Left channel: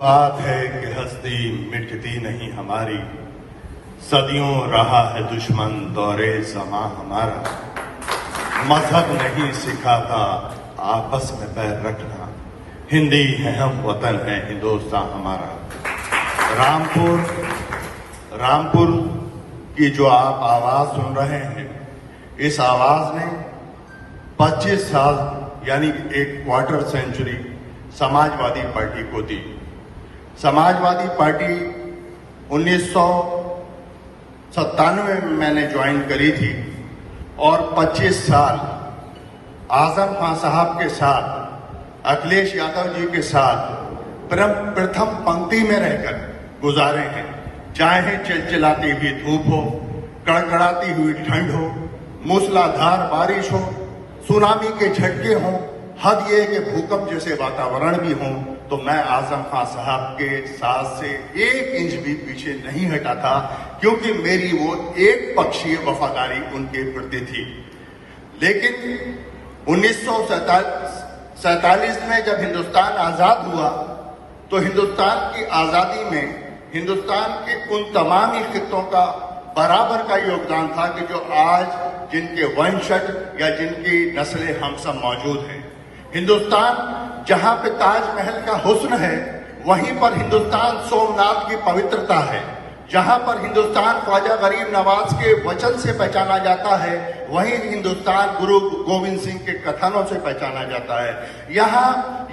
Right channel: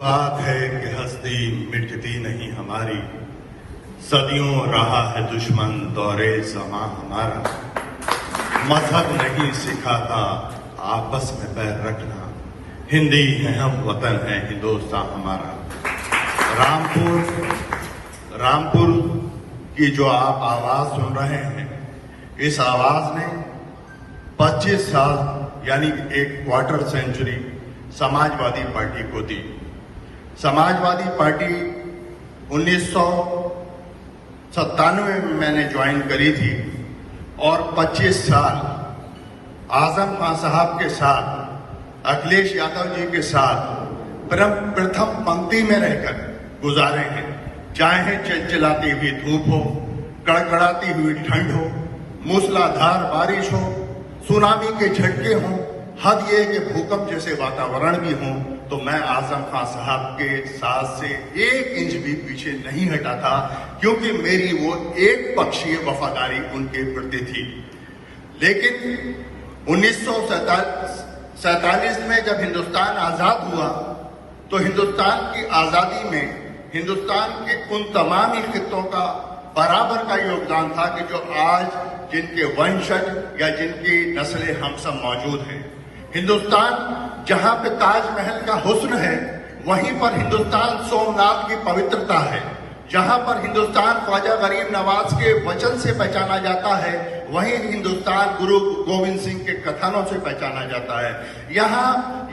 बात है कि हस्ती मिटती नहीं हमारी, सदियों रहा है दुश्मन दौरे ज़मां हमारा। मजहब नहीं सिखाता आपस में पैर रखना, हिंदी है हम वतन है हिंदुस्तान हमारा। रामपुर की जो आप आवाज सुन रहे हैं, इस आवाज ने 25 साल यानी एक क्वार्टर सेंचुरी समाजवादी पार्टी को दी। समाजवादी पार्टी 1997 में मैंने ज्वाइन करी थी और 25 साल आजम खान साहब के साथ, अखिलेश यादव जी के साथ प्रथम पंक्ति में रहकर गुजारे हैं। चाहे चिलचिलाती हुई धूप हो, कड़कड़ाती हुई ठंड हो, मूसलाधार बारिश हो, सुनामी के झटके हो, हद ये कि भूकंप जैसे वातावरण भी हो, तो मैं आजम खान साहब के साथ से 1 इंच भी पीछे नहीं हटा था, क्योंकि मेरी वो एक पक्षीय वफादारी उनके प्रति थी। लेकिन 1947 में जब हिंदुस्तान आजाद हुआ, तो हिंदुस्तान की आजादी में हिंदुस्तान के उन तमाम ही खित्तों का बराबर का योगदान था कि जो आज जिनके वंशज या जिनकी नस्लें हम सब मौजूद हैं। हिंदुस्तान जहां पे ताजमहल का हुस्न है, वहीं पर हिंदुस्तान सोमनाथ की पवित्रता है। जहां पर हिंदुस्तान ख्वाजा गरीब नवाज के वचन से पहचाना जाता है, वहीं हिंदुस्तान गुरु गोविंद सिंह के कथनों से पहचाना जाता है।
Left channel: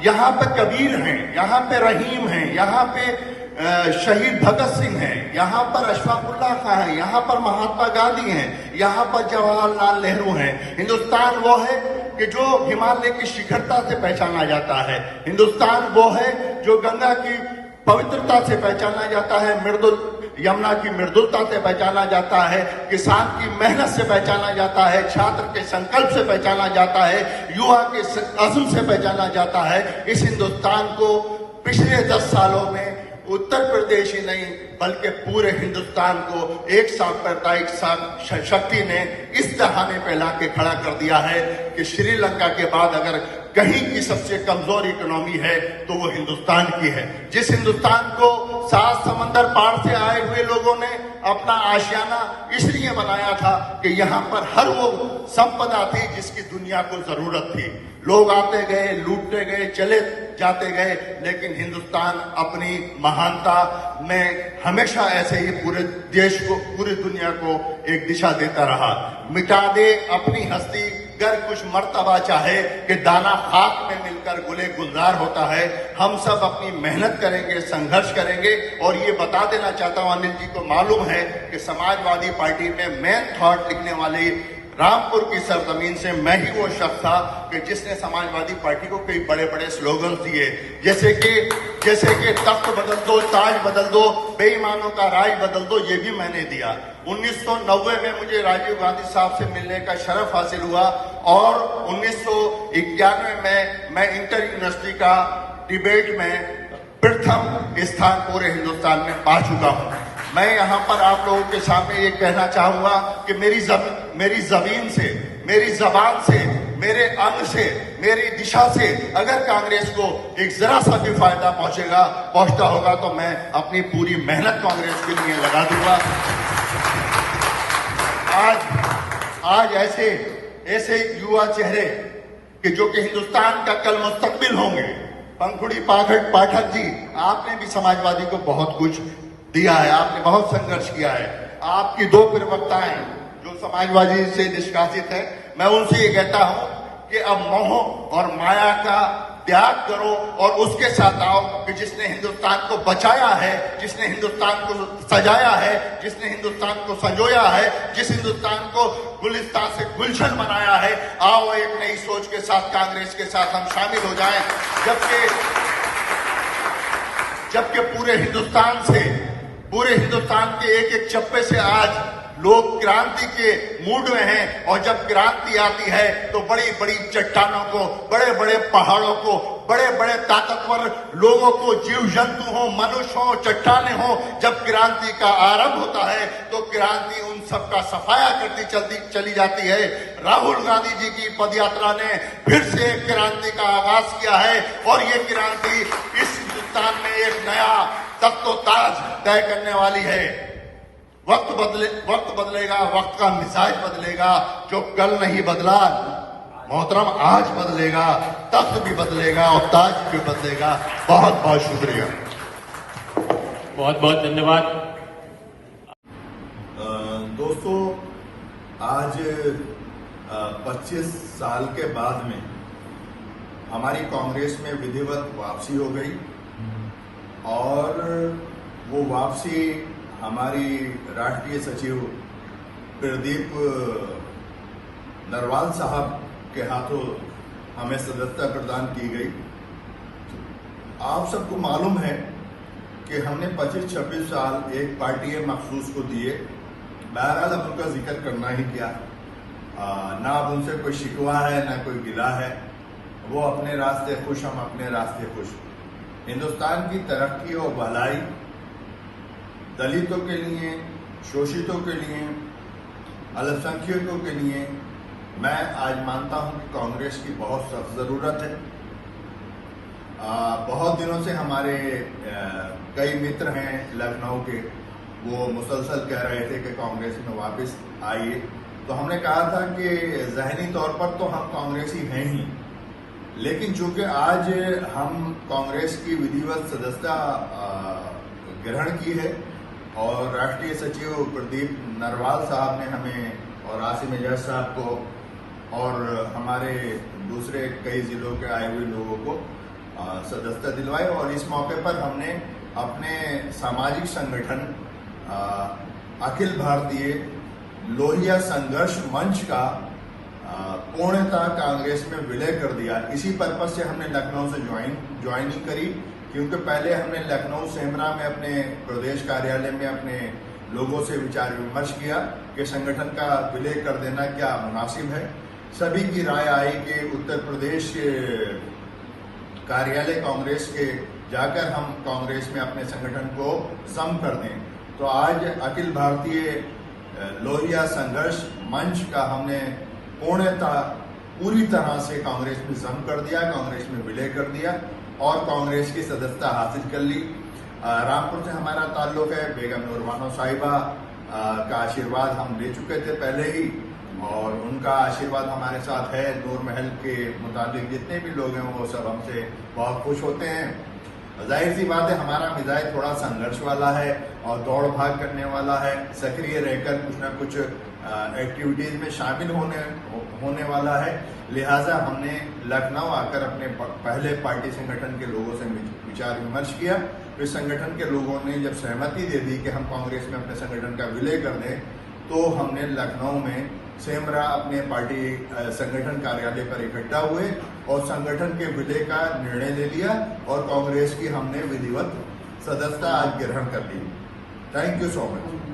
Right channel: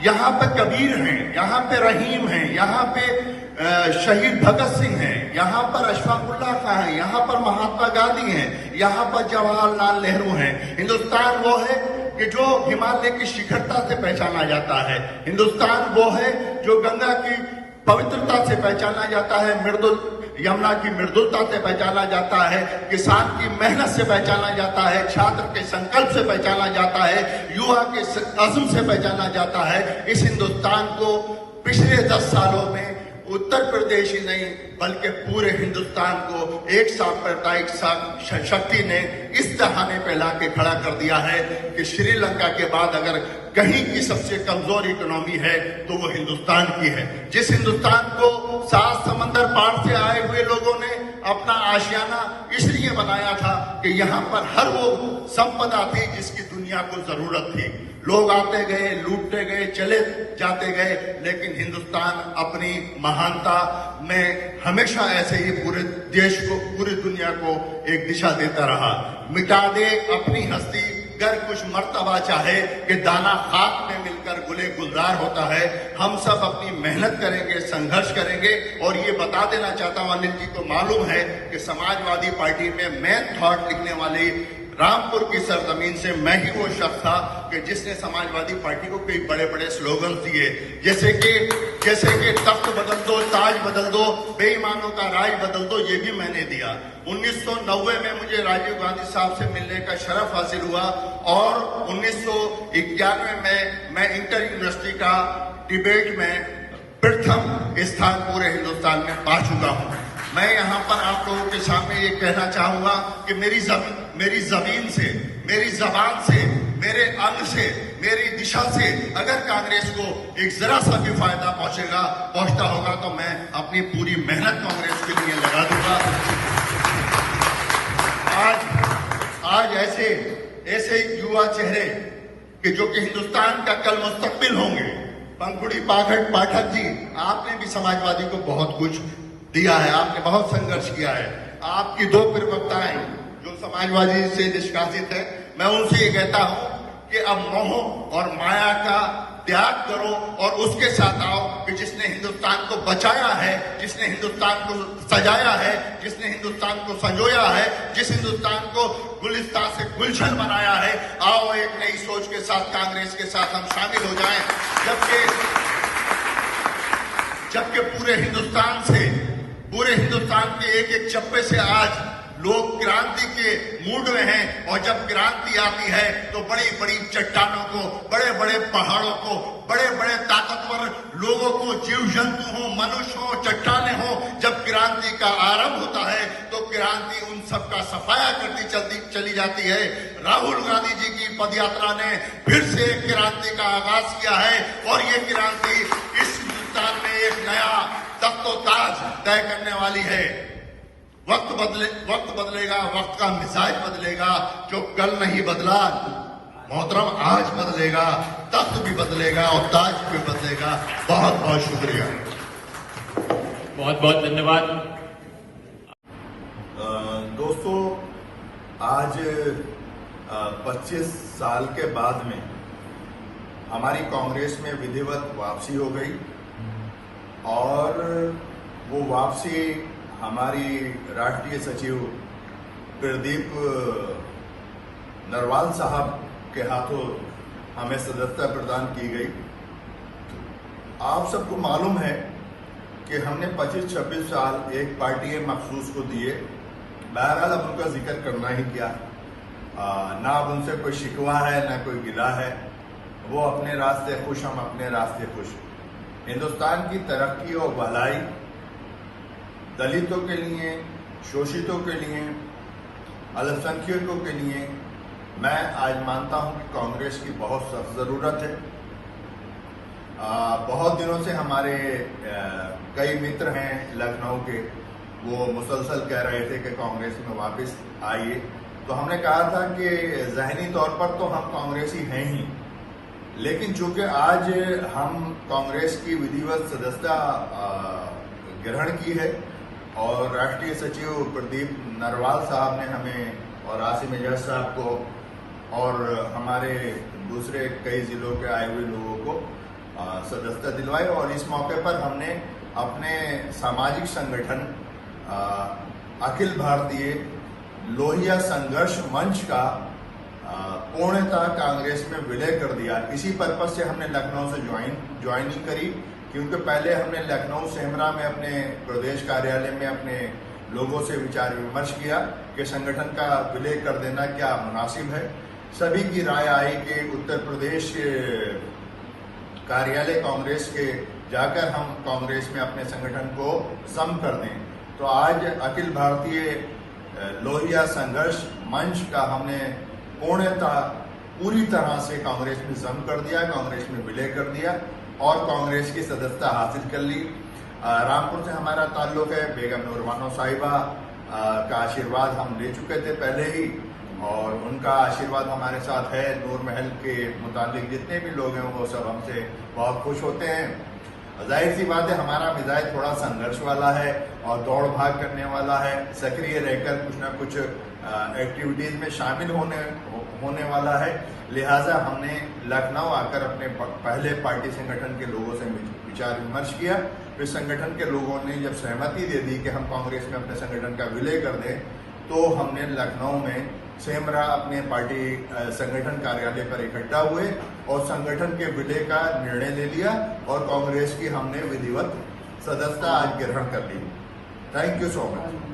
यहाँ पे कबीर हैं, यहाँ पे रहीम हैं, यहाँ पे शहीद भगत सिंह हैं, यहाँ पर अशफाकुल्लाह खां हैं, यहाँ पर महात्मा गांधी हैं, यहाँ पर जवाहरलाल नेहरू हैं। हिंदुस्तान वो है कि जो हिमालय की शिखरता से पहचाना जाता है। हिंदुस्तान वो है जो गंगा की पवित्रता से पहचाना जाता है, यमुना की मृदुलता से पहचाना जाता है, किसान की मेहनत से पहचाना जाता है, छात्र के संकल्प से पहचाना जाता है, युवा के अज़्म से पहचाना जाता है। इस हिंदुस्तान को पिछले 10 सालों में उत्तर प्रदेश ही नहीं बल्कि पूरे हिंदुस्तान को एक सांप्रदायिक शक्ति ने इस तराने पे ला के खड़ा कर दिया है कि श्रीलंका के बाद अगर कहीं की सबसे कमजोर इकोनॉमी है तो वो हिंदुस्तान की है। जिस हिंदुस्तान को 7 समंदर पार से आए हुए लोगों ने अपना आशियाना इसलिए बनाया था कि यहाँ पर हर वो संपदा थी जिसकी दुनिया को जरूरत थी। लोग आते गए, लूटते गए, चले जाते गए, लेकिन हिंदुस्तान अपनी महानता में हमेशा ऐसे ही पूरे देश को, पूरी दुनिया को एक दिशा देता रहा। मिटा दे अपनी हस्ती गर कुछ मर्तबा चाहे कि दाना खाक में मिलकर गुले गुलजार होता है। हम सब अपनी मेहनत करेंगे, संघर्ष करेंगे। और ये बता देना चाहता हूं, अनिल जी को मालूम है कि समाजवादी पार्टी में मेन थॉट लिखने वाले रामपुर की सरजमीन से मैं ही वो शख्स था कि जिसने समाजवादी पार्टी को कई बड़े बड़े स्लोगन दिए, जैसे कि तख्त बदल दो, ताज बदल दो, बेईमानों का राज बदल दो, ये भी मैंने दिया। 1990 में मुझे राजीव गांधी साहब से मिलने का शरफ हासिल हुआ और 1991 में मैं इंटर यूनिवर्सिटी का डिबेट में प्रथम स्थान पूरे हिंदुस्तान में पा चुका हूं। मैं यहाँ पर आप लोगों के सामने ये कहना चाहूंगा कि मेरी जमीन से, मेरी जबान से, मेरे अंग से, मेरी दिशा से अगर कांग्रेस को एक जरा सा भी फायदा पहुंचता होगा तो मैं अपनी पूरी मेहनत कांग्रेस के लिए लगा दूंगा। आज ऐसे युवा चेहरे कि जो कि हिंदुस्तान का कल मुस्तकबिल होंगे। पंखुड़ी पाठक जी, आपने भी समाजवादी को बहुत कुछ दिया है, आपने बहुत संघर्ष किया है। आपकी 2 प्रवक्ताएं जो समाजवादी से निष्कासित है, मैं उनसे ये कहता हूं कि अब मोह और माया का त्याग करो और उसके साथ आओ कि जिसने हिंदुस्तान को बचाया है, जिसने हिंदुस्तान को सजाया है, जिसने हिंदुस्तान को संजोया है, जिस हिंदुस्तान को गुलिस्तान से गुलशन बनाया है, आओ एक नई सोच के साथ कांग्रेस के साथ हम शामिल हो जाएं। जबकि पूरे हिंदुस्तान के एक चप्पे से आज लोग क्रांति के मूड में हैं और जब क्रांति आती है तो बड़ी बड़ी चट्टानों को, बड़े बड़े पहाड़ों को, बड़े बड़े ताकतवर लोगों को, जीव जंतु हो, मनुष्य हो, चट्टाने हो, जब क्रांति का आरंभ होता है तो क्रांति उन सबका सफाया करती चली जाती है। राहुल गांधी जी की पदयात्रा ने फिर से एक क्रांति का आगाज किया है और ये क्रांति इस हिंदुस्तान में एक नया तख्तो-ताज तय करने वाली है। वक्त बदलेगा, वक्त का मिजाज बदलेगा। जो कल नहीं बदला मोहतरम आज बदलेगा, तख्त भी बदलेगा और ताज भी बदलेगा। बहुत बहुत शुक्रिया। बहुत बहुत धन्यवाद। दोस्तों, आज 25 साल के बाद में हमारी कांग्रेस में विधिवत वापसी हो गई और वो वापसी हमारी राष्ट्रीय सचिव प्रदीप नरवाल साहब के हाथों हमें सदस्यता प्रदान की गई। आप सबको मालूम है कि हमने 25-26 साल एक पार्टी मखसूस को दिए। बहरहाल अब उनका जिक्र करना ही क्या, ना अब उनसे कोई शिकवा है ना कोई गिला है। वो अपने रास्ते खुश, हम अपने रास्ते खुश। हिंदुस्तान की तरक्की और भलाई दलितों के लिए, शोषितों के लिए, अल्पसंख्यकों के लिए मैं आज मानता हूं कि कांग्रेस की बहुत सख्त जरूरत है। बहुत दिनों से हमारे कई मित्र हैं लखनऊ के, वो मुसलसल कह रहे थे कि कांग्रेस में वापस आइए। तो हमने कहा था कि जहनी तौर पर तो हम कांग्रेसी हैं ही, लेकिन चूंकि आज हम कांग्रेस की विधिवत सदस्यता ग्रहण की है और राष्ट्रीय सचिव प्रदीप नरवाल साहब ने हमें और आसिम एजाज साहब को और हमारे दूसरे कई जिलों के आए हुए लोगों को सदस्यता दिलवाई। और इस मौके पर हमने अपने सामाजिक संगठन अखिल भारतीय लोहिया संघर्ष मंच का पूर्णतः कांग्रेस में विलय कर दिया। इसी पर्पज से हमने लखनऊ से ज्वाइनिंग करी, क्योंकि पहले हमने लखनऊ सेमरा में अपने प्रदेश कार्यालय में अपने लोगों से विचार विमर्श किया कि संगठन का विलय कर देना क्या मुनासिब है। सभी की राय आई कि उत्तर प्रदेश कार्यालय कांग्रेस के जाकर हम कांग्रेस में अपने संगठन को सम कर दें। तो आज अखिल भारतीय लोहिया संघर्ष मंच का हमने पूर्णतः पूरी तरह से कांग्रेस में जम कर दिया, कांग्रेस में विलय कर दिया और कांग्रेस की सदस्यता हासिल कर ली। रामपुर से हमारा ताल्लुक है। बेगम नूर बानो साहिबा का आशीर्वाद हम ले चुके थे पहले ही और उनका आशीर्वाद हमारे साथ है। नूर महल के मुताबिक जितने भी लोग हैं वो सब हमसे बहुत खुश होते हैं। जाहिर सी बात है, हमारा मिजाज थोड़ा संघर्ष वाला है और दौड़ भाग करने वाला है। सक्रिय रहकर कुछ ना कुछ एक्टिविटीज में शामिल होने वाला है। लिहाजा हमने लखनऊ आकर अपने पहले पार्टी संगठन के लोगों से विचार विमर्श किया। फिर संगठन के लोगों ने जब सहमति दे दी कि हम कांग्रेस में अपने संगठन का विलय कर दें, तो हमने लखनऊ में सेमरा अपने पार्टी संगठन कार्यालय पर इकट्ठा हुए और संगठन के विलय का निर्णय ले लिया और कांग्रेस की हमने विधिवत सदस्यता आज ग्रहण कर ली। Thank you so much.